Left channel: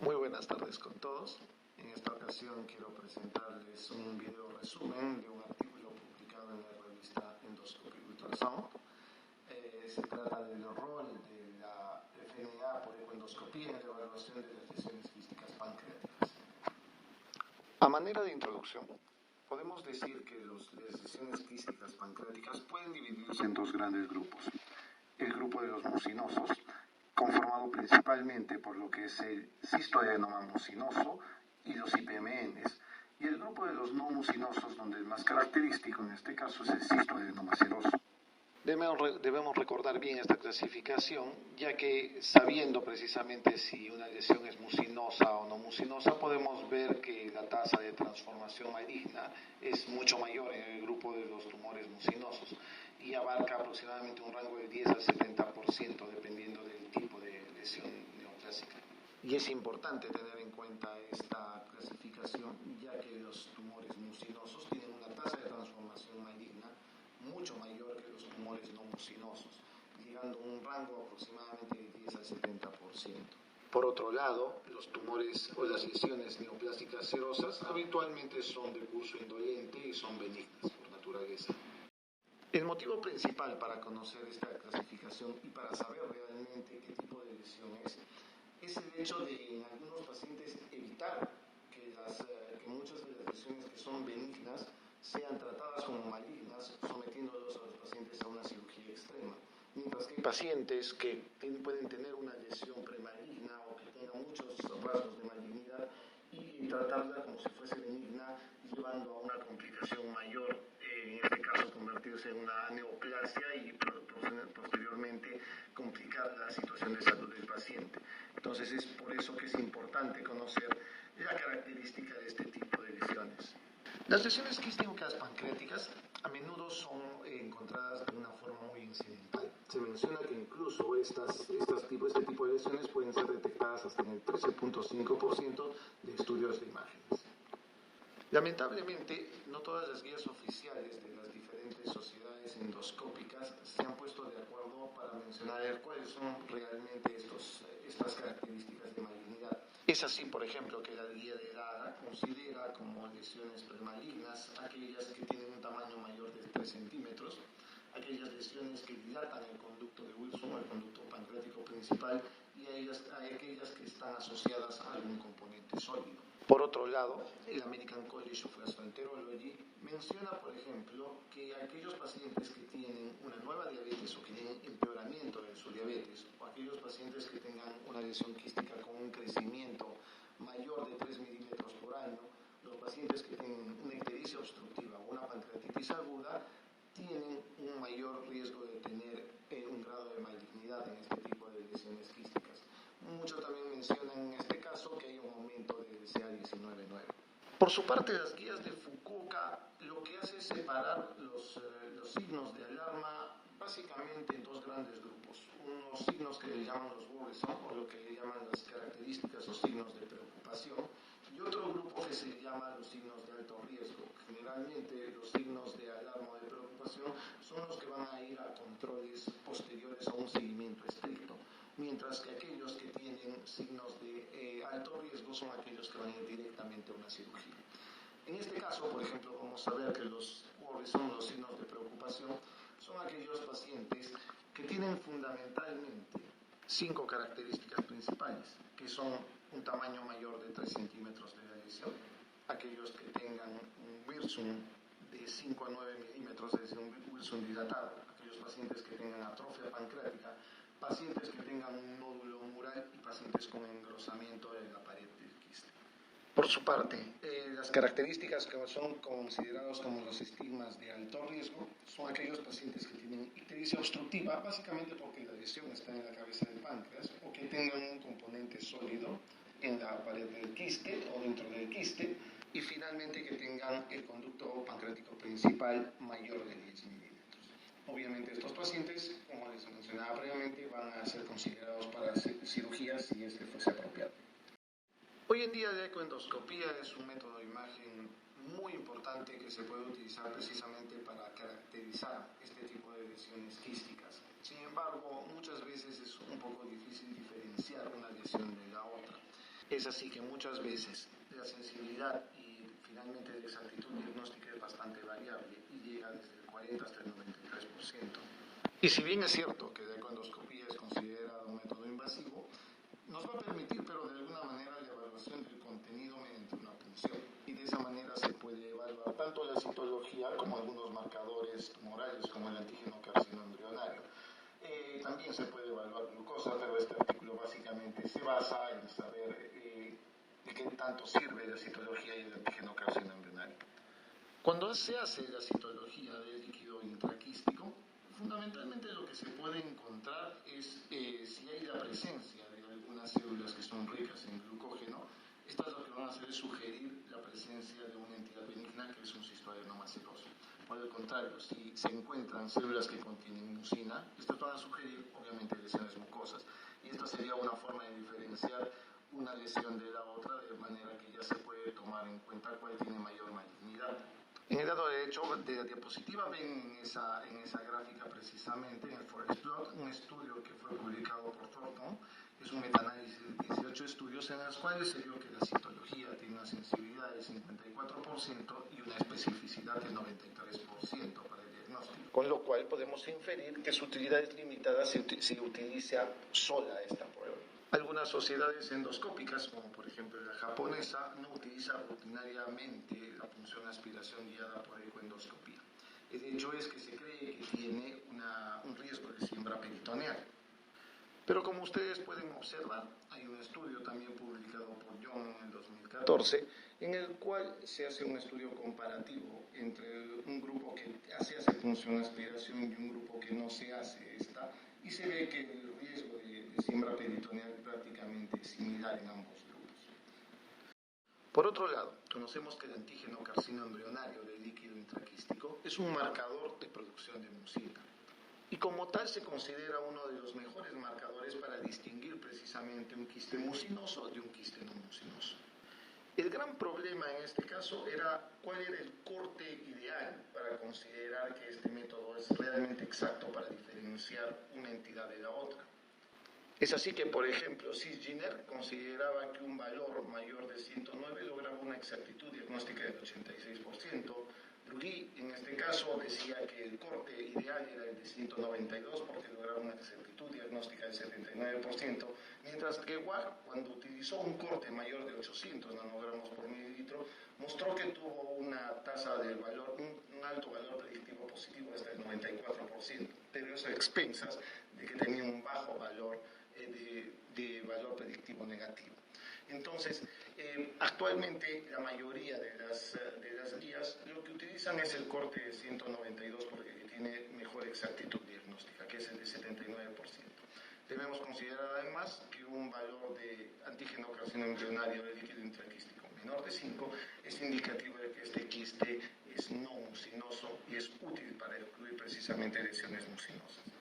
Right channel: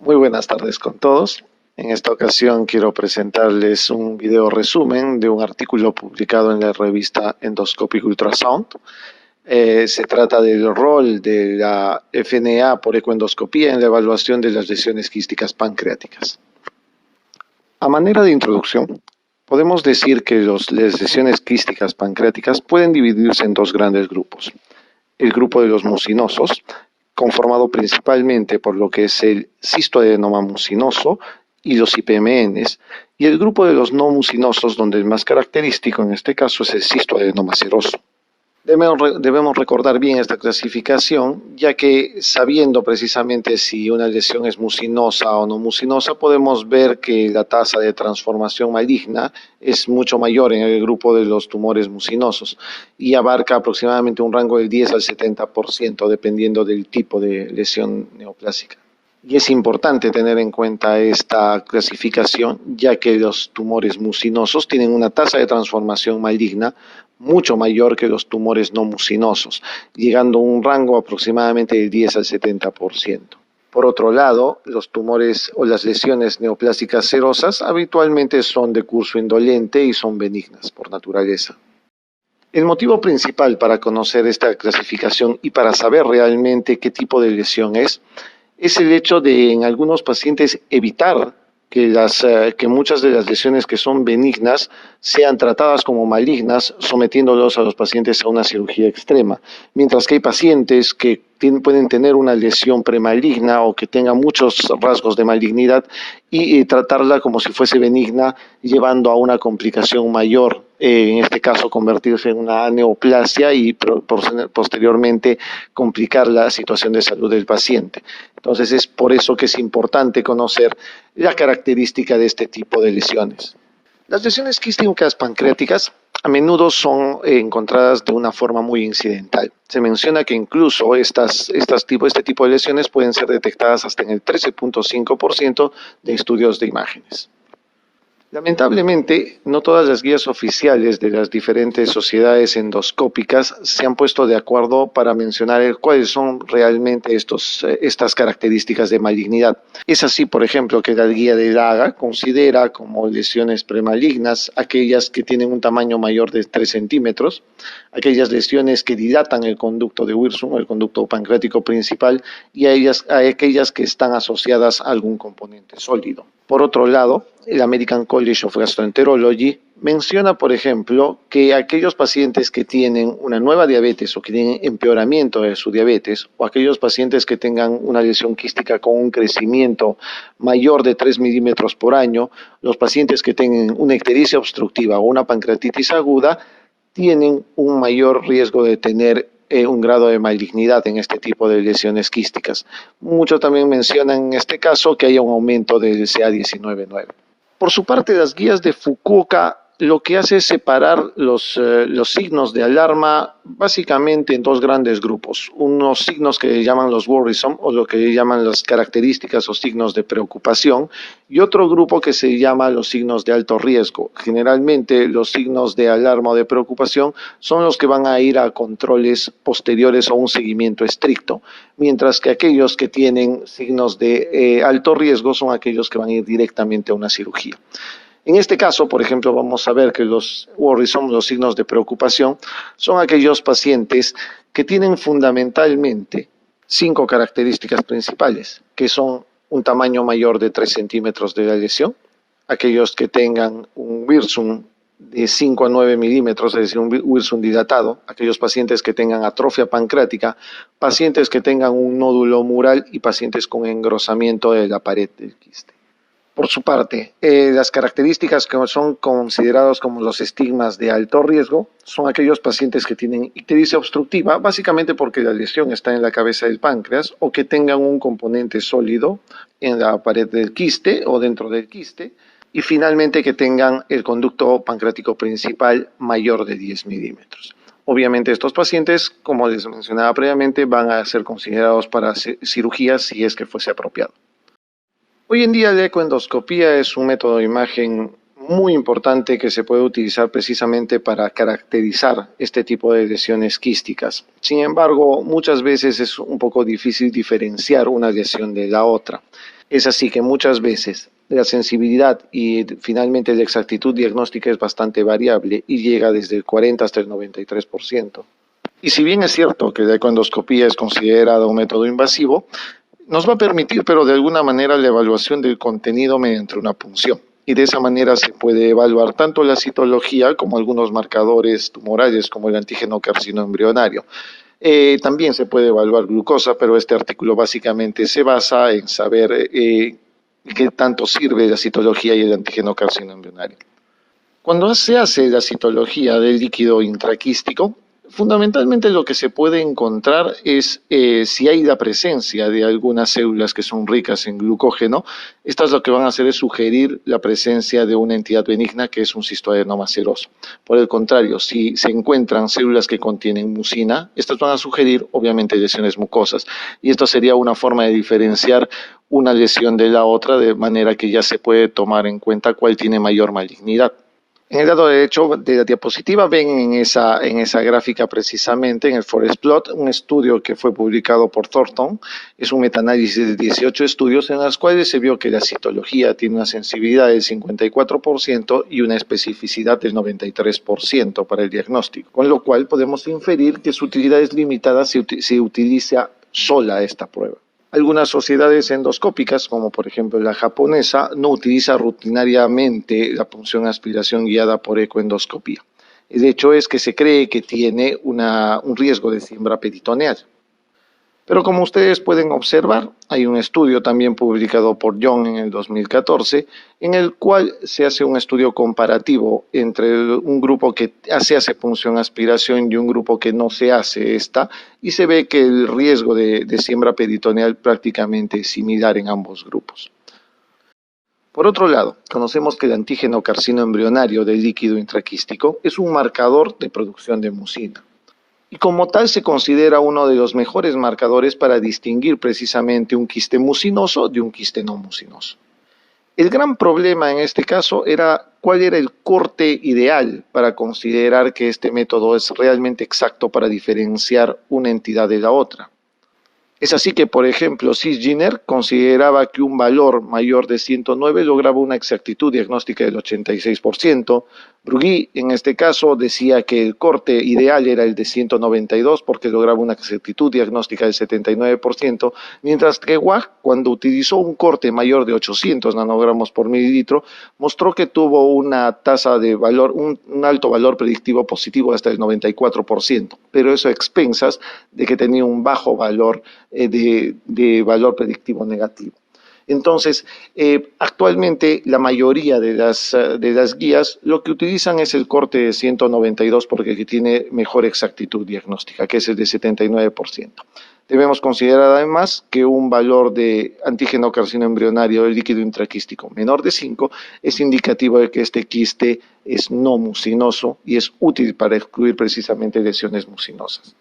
Muy buenas tardes con todos. En esta ocasión quiero presentarles un video resumen de un artículo publicado en la revista Endoscopic Ultrasound. Se trata del rol de la FNA por ecoendoscopía en la evaluación de las lesiones quísticas pancreáticas. A manera de introducción, podemos decir que las lesiones quísticas pancreáticas pueden dividirse en dos grandes grupos. El grupo de los mucinosos, conformado principalmente por lo que es el cistoadenoma mucinoso y los IPMNs, y el grupo de los no mucinosos, donde el más característico en este caso es el cistoadenoma seroso. Debemos recordar bien esta clasificación, ya que sabiendo precisamente si una lesión es mucinosa o no mucinosa, podemos ver que la tasa de transformación maligna es mucho mayor en el grupo de los tumores mucinosos y abarca aproximadamente un rango del 10 al 70%, dependiendo del tipo de lesión neoplásica. Y es importante tener en cuenta esta clasificación, ya que los tumores mucinosos tienen una tasa de transformación maligna mucho mayor que los tumores no mucinosos, llegando a un rango aproximadamente del 10 al 70%. Por otro lado, los tumores o las lesiones neoplásicas serosas habitualmente son de curso indolente y son benignas por naturaleza. El motivo principal para conocer esta clasificación y para saber realmente qué tipo de lesión es el hecho de en algunos pacientes evitar que muchas de las lesiones que son benignas sean tratadas como malignas, sometiéndolos a los pacientes a una cirugía extrema, mientras que hay pacientes que pueden tener una lesión premaligna o que tengan muchos rasgos de malignidad y tratarla como si fuese benigna, llevando a una complicación mayor, en este caso convertirse en una neoplasia y posteriormente complicar la situación de salud del paciente. Entonces es por eso que es importante conocer la característica de este tipo de lesiones. Las lesiones quísticas pancreáticas a menudo son encontradas de una forma muy incidental. Se menciona que incluso este tipo de lesiones pueden ser detectadas hasta en el 13.5% de estudios de imágenes. Lamentablemente, no todas las guías oficiales de las diferentes sociedades endoscópicas se han puesto de acuerdo para mencionar cuáles son realmente estas características de malignidad. Es así, por ejemplo, que la guía de Laga considera como lesiones premalignas aquellas que tienen un tamaño mayor de 3 centímetros, aquellas lesiones que dilatan el conducto de Wirsung, el conducto pancreático principal, y a aquellas que están asociadas a algún componente sólido. Por otro lado, el American College of Gastroenterology menciona, por ejemplo, que aquellos pacientes que tienen una nueva diabetes o que tienen empeoramiento de su diabetes, o aquellos pacientes que tengan una lesión quística con un crecimiento mayor de 3 milímetros por año, los pacientes que tengan una ictericia obstructiva o una pancreatitis aguda, tienen un mayor riesgo de tener un grado de malignidad en este tipo de lesiones quísticas. Muchos también mencionan en este caso que haya un aumento del CA19-9. Por su parte, las guías de Fukuoka lo que hace es separar los signos de alarma básicamente en dos grandes grupos. Unos signos que llaman los worrisome, o lo que llaman las características o signos de preocupación, y otro grupo que se llama los signos de alto riesgo. Generalmente los signos de alarma o de preocupación son los que van a ir a controles posteriores o un seguimiento estricto, mientras que aquellos que tienen signos de alto riesgo son aquellos que van a ir directamente a una cirugía. En este caso, por ejemplo, vamos a ver que los worrisome, los signos de preocupación, son aquellos pacientes que tienen fundamentalmente 5 características principales, que son un tamaño mayor de 3 centímetros de la lesión, aquellos que tengan un Wirsung de 5 a 9 milímetros, es decir, un Wirsung dilatado, aquellos pacientes que tengan atrofia pancreática, pacientes que tengan un nódulo mural y pacientes con engrosamiento de la pared del quiste. Por su parte, las características que son considerados como los estigmas de alto riesgo son aquellos pacientes que tienen ictericia obstructiva, básicamente porque la lesión está en la cabeza del páncreas, o que tengan un componente sólido en la pared del quiste o dentro del quiste, y finalmente que tengan el conducto pancreático principal mayor de 10 milímetros. Obviamente estos pacientes, como les mencionaba previamente, van a ser considerados para cirugía si es que fuese apropiado. Hoy en día la ecoendoscopía es un método de imagen muy importante que se puede utilizar precisamente para caracterizar este tipo de lesiones quísticas. Sin embargo, muchas veces es un poco difícil diferenciar una lesión de la otra. Es así que muchas veces la sensibilidad y finalmente la exactitud diagnóstica es bastante variable y llega desde el 40 hasta el 93%. Y si bien es cierto que la ecoendoscopía es considerada un método invasivo, nos va a permitir, pero de alguna manera, la evaluación del contenido mediante una punción. Y de esa manera se puede evaluar tanto la citología como algunos marcadores tumorales, como el antígeno carcinoembrionario. También se puede evaluar glucosa, pero este artículo básicamente se basa en saber qué tanto sirve la citología y el antígeno carcinoembrionario. Cuando se hace la citología del líquido intraquístico, fundamentalmente lo que se puede encontrar es si hay la presencia de algunas células que son ricas en glucógeno. Estas lo que van a hacer es sugerir la presencia de una entidad benigna que es un cistoadenoma seroso. Por el contrario, si se encuentran células que contienen mucina, estas van a sugerir obviamente lesiones mucosas. Y esto sería una forma de diferenciar una lesión de la otra, de manera que ya se puede tomar en cuenta cuál tiene mayor malignidad. En el lado derecho de la diapositiva ven en esa gráfica precisamente, en el forest plot, un estudio que fue publicado por Thornton. Es un metaanálisis de 18 estudios en los cuales se vio que la citología tiene una sensibilidad del 54% y una especificidad del 93% para el diagnóstico, con lo cual podemos inferir que su utilidad es limitada si se utiliza sola esta prueba. Algunas sociedades endoscópicas, como por ejemplo la japonesa, no utiliza rutinariamente la punción aspiración guiada por ecoendoscopía. El hecho es que se cree que tiene un riesgo de siembra peritoneal. Pero como ustedes pueden observar, hay un estudio también publicado por Young en el 2014, en el cual se hace un estudio comparativo entre un grupo que se hace punción aspiración y un grupo que no se hace esta, y se ve que el riesgo de siembra peritoneal prácticamente es similar en ambos grupos. Por otro lado, conocemos que el antígeno carcinoembrionario del líquido intraquístico es un marcador de producción de mucina. Y como tal se considera uno de los mejores marcadores para distinguir precisamente un quiste mucinoso de un quiste no mucinoso. El gran problema en este caso era cuál era el corte ideal para considerar que este método es realmente exacto para diferenciar una entidad de la otra. Es así que, por ejemplo, Cisginer consideraba que un valor mayor de 109 lograba una exactitud diagnóstica del 86%. Brugui, en este caso, decía que el corte ideal era el de 192 porque lograba una exactitud diagnóstica del 79%, mientras que Wag, cuando utilizó un corte mayor de 800 nanogramos por mililitro, mostró que tuvo una tasa de valor, un alto valor predictivo positivo hasta el 94%, pero eso a expensas de que tenía un bajo valor de valor predictivo negativo. Entonces, actualmente la mayoría de las guías lo que utilizan es el corte de 192 porque tiene mejor exactitud diagnóstica, que es el de 79%. Debemos considerar además que un valor de antígeno carcinoembrionario del líquido intraquístico menor de 5 es indicativo de que este quiste es no mucinoso y es útil para excluir precisamente lesiones mucinosas.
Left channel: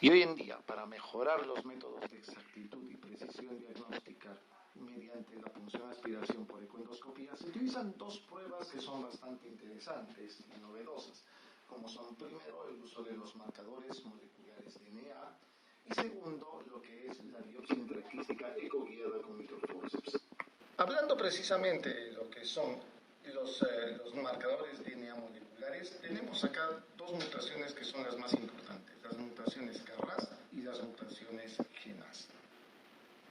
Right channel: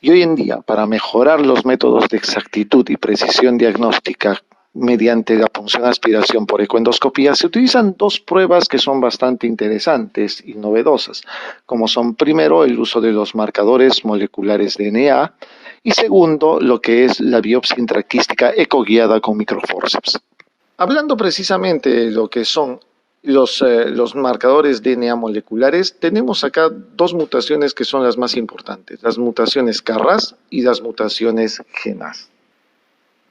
Y hoy en día, para mejorar los métodos de exactitud y precisión diagnóstica mediante la punción aspiración por ecoendoscopía, se utilizan dos pruebas que son bastante interesantes y novedosas, como son primero el uso de los marcadores moleculares de DNA y segundo lo que es la biopsia intraquística ecoguiada con microforceps. Hablando precisamente de lo que son los marcadores DNA moleculares, tenemos acá dos mutaciones que son las más importantes, las mutaciones KRAS y las mutaciones GNAS.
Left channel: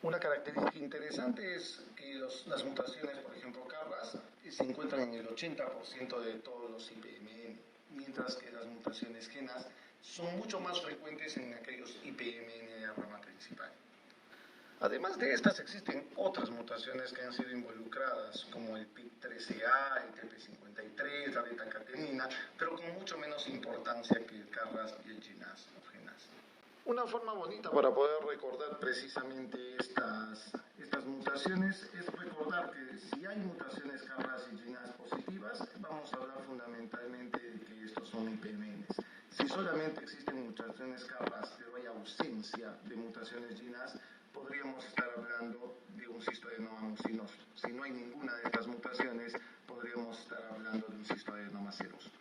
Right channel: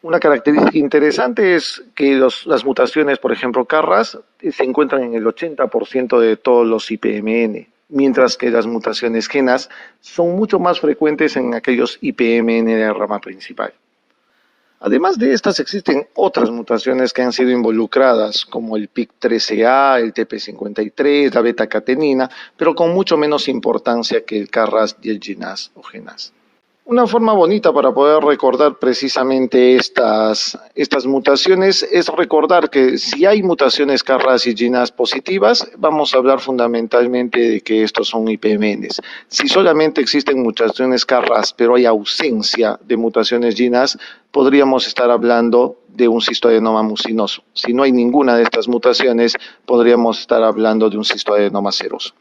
Una característica interesante es que las mutaciones, por ejemplo, KRAS, se encuentran en el 80% de todos los IPMN, mientras que las mutaciones GNAS son mucho más frecuentes en aquellos IPMN de la rama principal. Además de estas, existen otras mutaciones que han sido involucradas, como el PIK3CA, el TP53, la beta-catenina, pero con mucho menos importancia que el KRAS y el GNAS o GNAS. Una forma bonita para poder recordar precisamente estas mutaciones es recordar que si hay mutaciones KRAS y GNAS positivas, vamos a hablar fundamentalmente de que estos son IPMNs. Si solamente existen mutaciones KRAS, pero hay ausencia de mutaciones GNAS, podríamos estar hablando de un cistoadenoma mucinoso. Si no hay ninguna de estas mutaciones, podríamos estar hablando de un cistoadenoma seroso.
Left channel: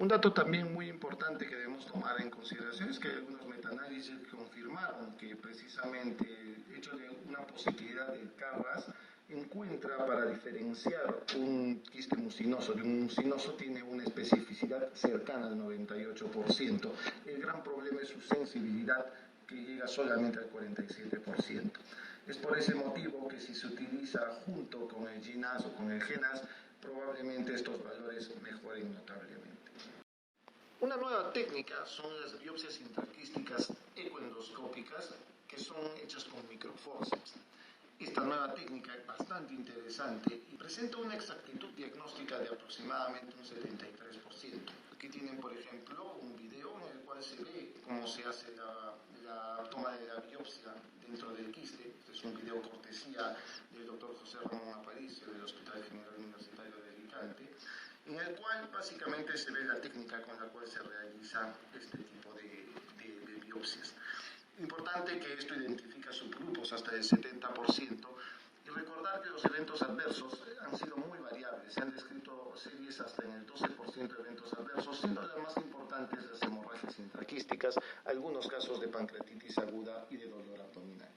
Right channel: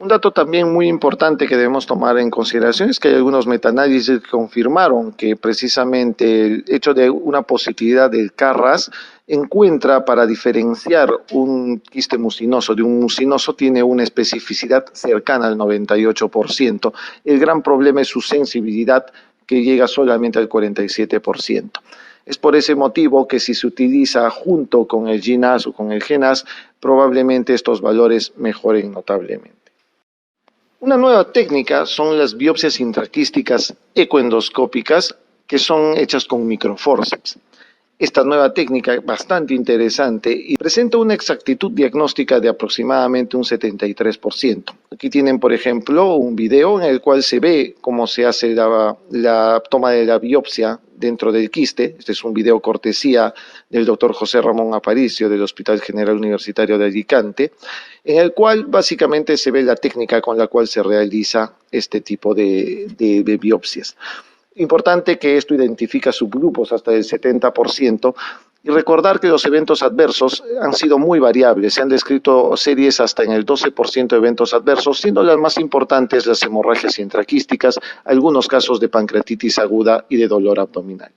Un dato también muy importante que debemos tomar en consideración es que hay algunos metaanálisis que confirmaron que precisamente el hecho de una positividad del CARRAS encuentra para diferenciar un quiste mucinoso de un mucinoso tiene una especificidad cercana al 98%. El gran problema es su sensibilidad que llega solamente al 47%. Es por ese motivo que si se utiliza junto con el GNAS o con el GNAS, probablemente estos valores mejoren notablemente. Una nueva técnica son las biopsias intraquísticas ecoendoscópicas que son hechas con microforceps. Esta nueva técnica es bastante interesante y presenta una exactitud diagnóstica de aproximadamente un 73%. Aquí tienen, por ejemplo, un video en el cual se ve cómo se hace la toma de la biopsia dentro del quiste. Este es un video cortesía del doctor José Ramón Aparicio del Hospital General Universitario de Alicante, en el cual básicamente se ve la técnica con la cual se realiza este tipo de biopsias. Importante que esto identifica subgrupos hasta el 70% y recordar que los eventos adversos han sido muy variables. Se han descrito series hasta en el 12% de eventos adversos, siendo las más importantes las hemorragias intraquísticas, algunos casos de pancreatitis aguda y de dolor abdominal.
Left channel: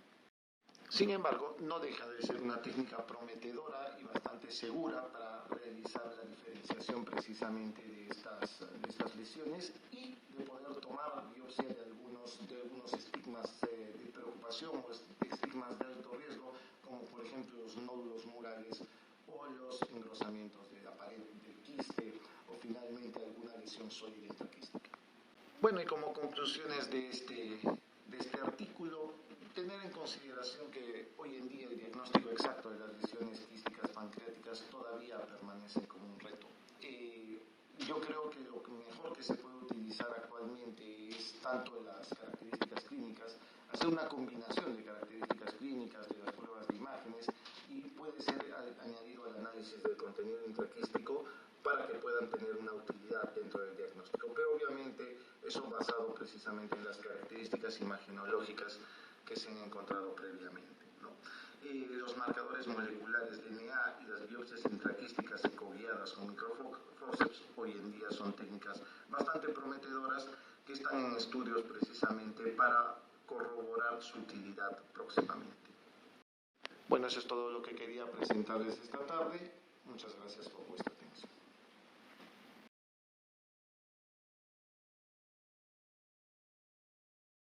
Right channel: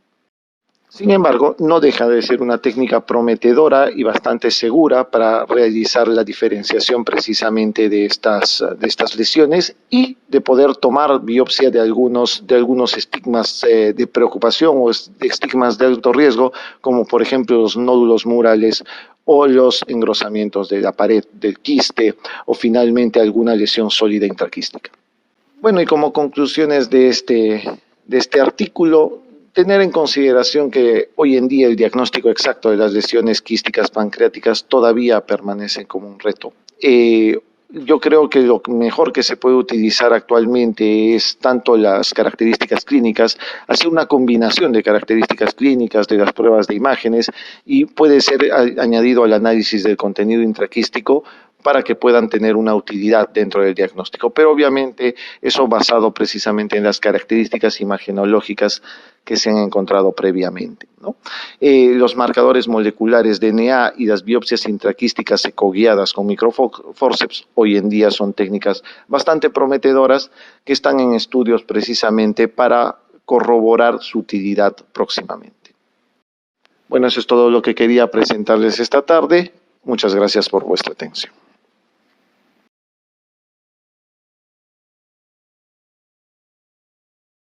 Sin embargo, no deja de ser una técnica prometedora y bastante segura para realizar la diferenciación precisamente de estas lesiones y de poder tomar biopsia de algunos estigmas de preocupación o estigmas de alto riesgo, como por ejemplo los nódulos murales o los engrosamientos de la pared del quiste o finalmente alguna lesión sólida intraquística. Bueno, y como conclusiones de este artículo, tener en consideración que hoy en día el diagnóstico exacto de las lesiones quísticas pancreáticas todavía permanece como un reto. Yo creo que lo mejor que se puede utilizar actualmente es tanto las características clínicas, hacer una combinación de características clínicas de las pruebas de imágenes y puede ser añadido al análisis del contenido intraquístico para que puedan tener una utilidad dentro del diagnóstico. Pero obviamente eso basado precisamente en las características imagenológicas que se han encontrado previamente, ¿no? Los marcadores moleculares DNA y las biopsias intraquísticas ecoguiadas con microforceps hoy en día son técnicas bastante prometedoras que están en estudios precisamente para corroborar su utilidad próximamente. Bueno, eso es todo lo que quería presentarles esta tarde. Muchas gracias por vuestra atención.